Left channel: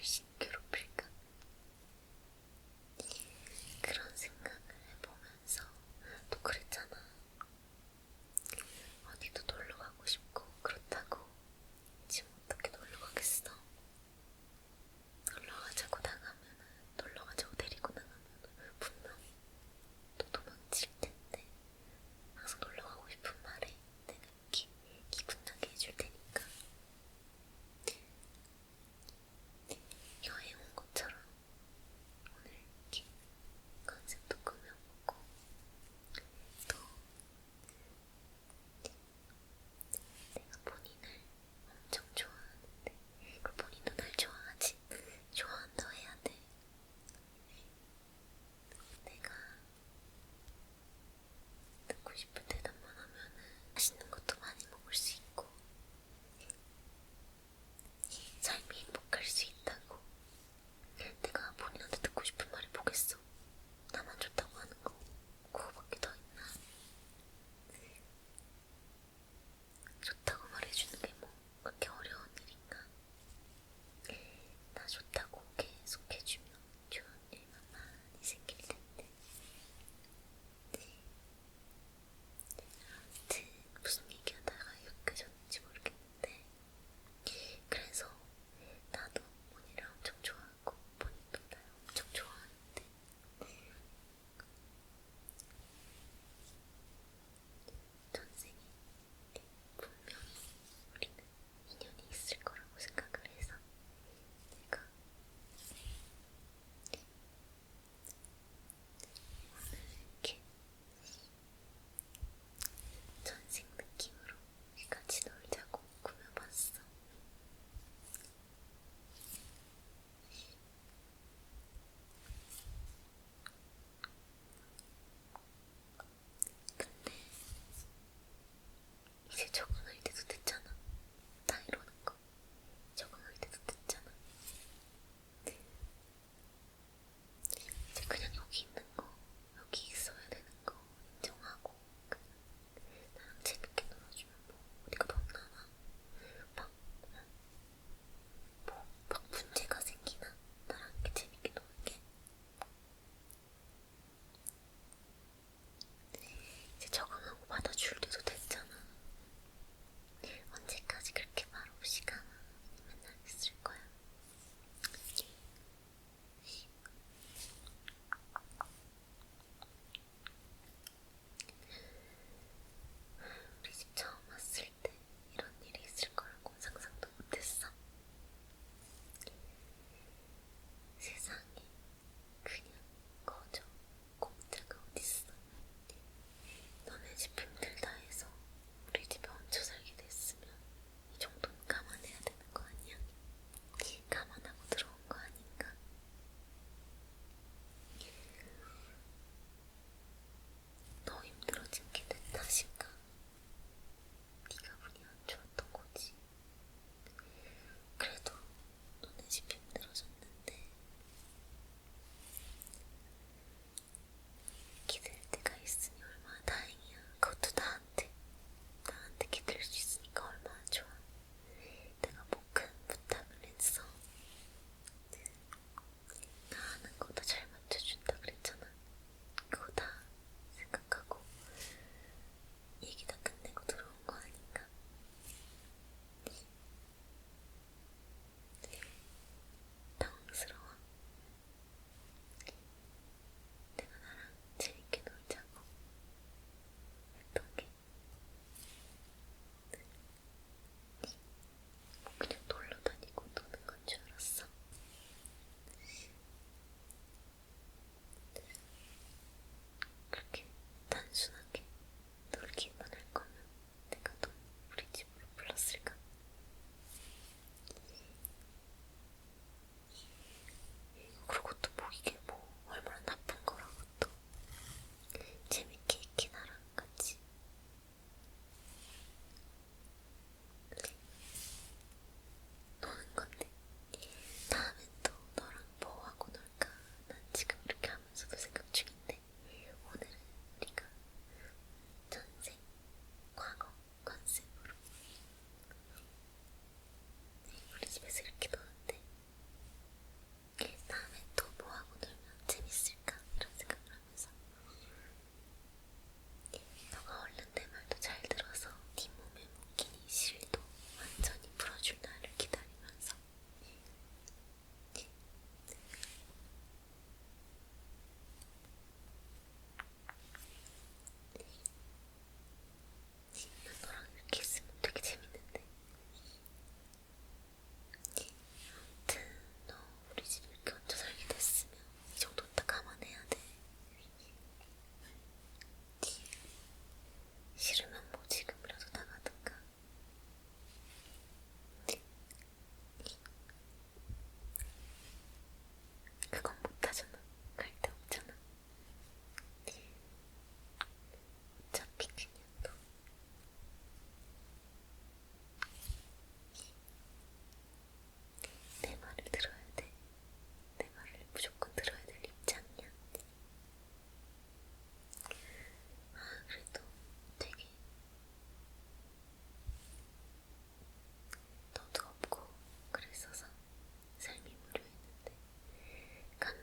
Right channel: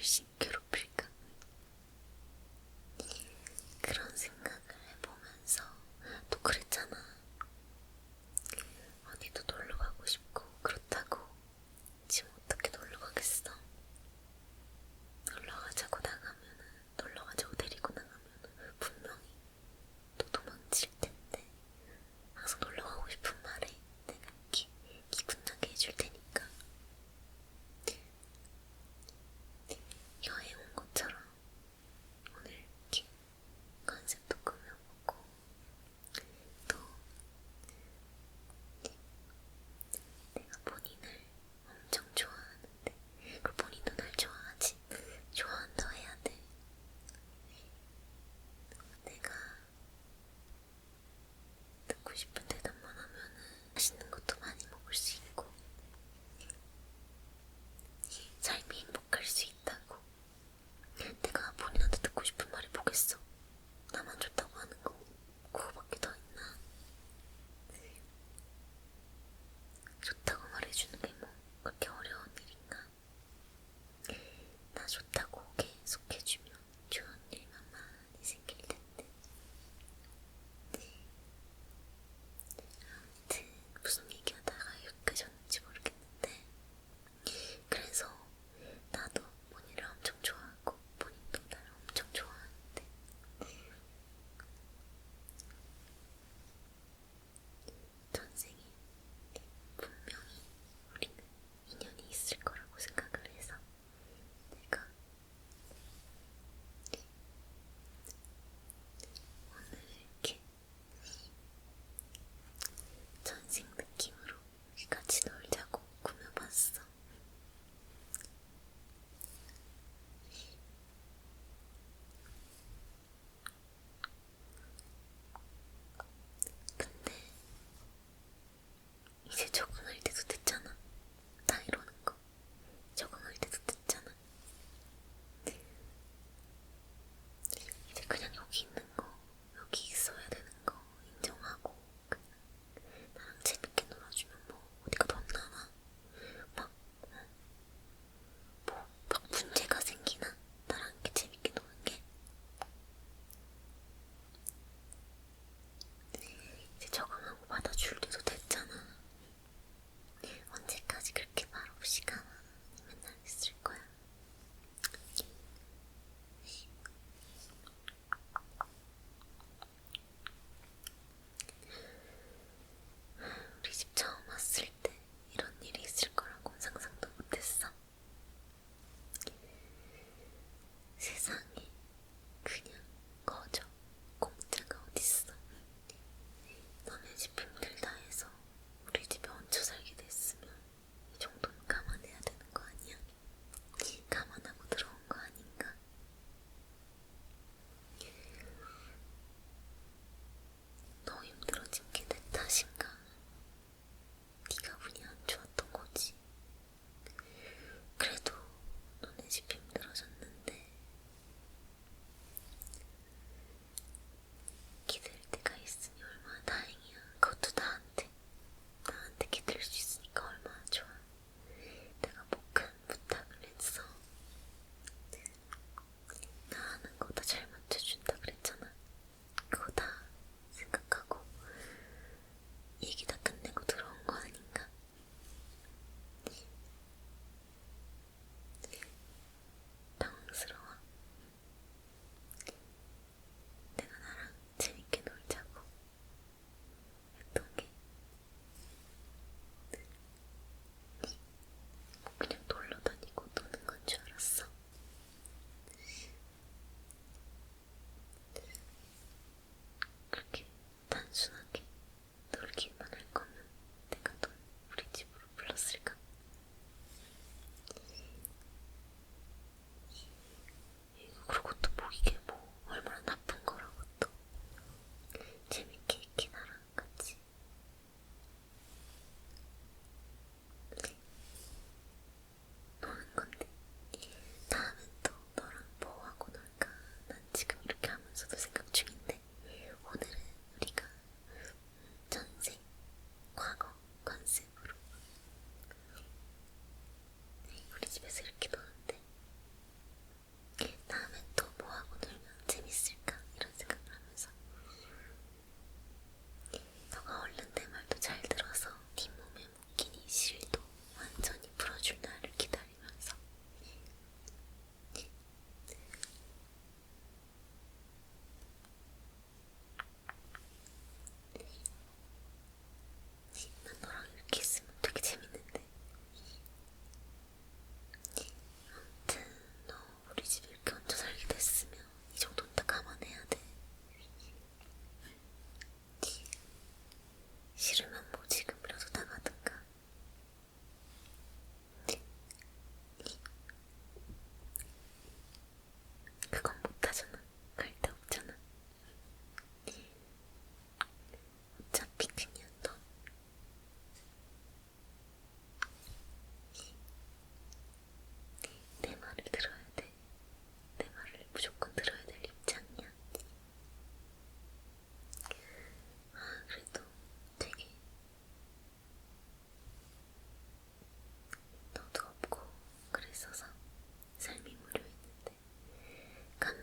every single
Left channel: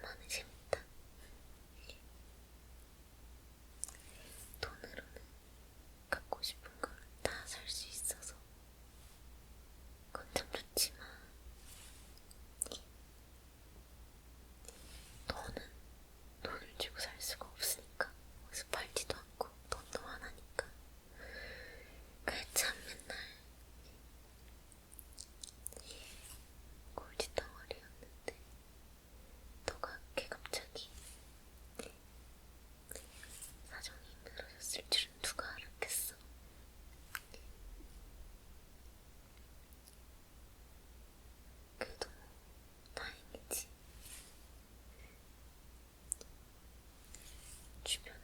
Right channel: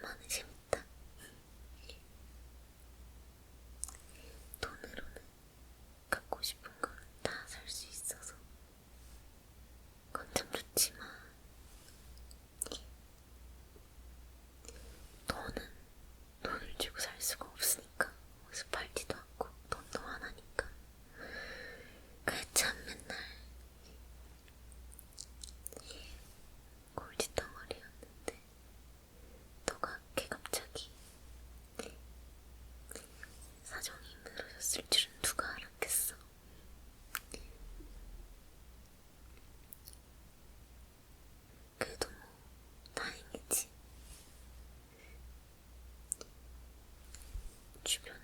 マジ。тебя.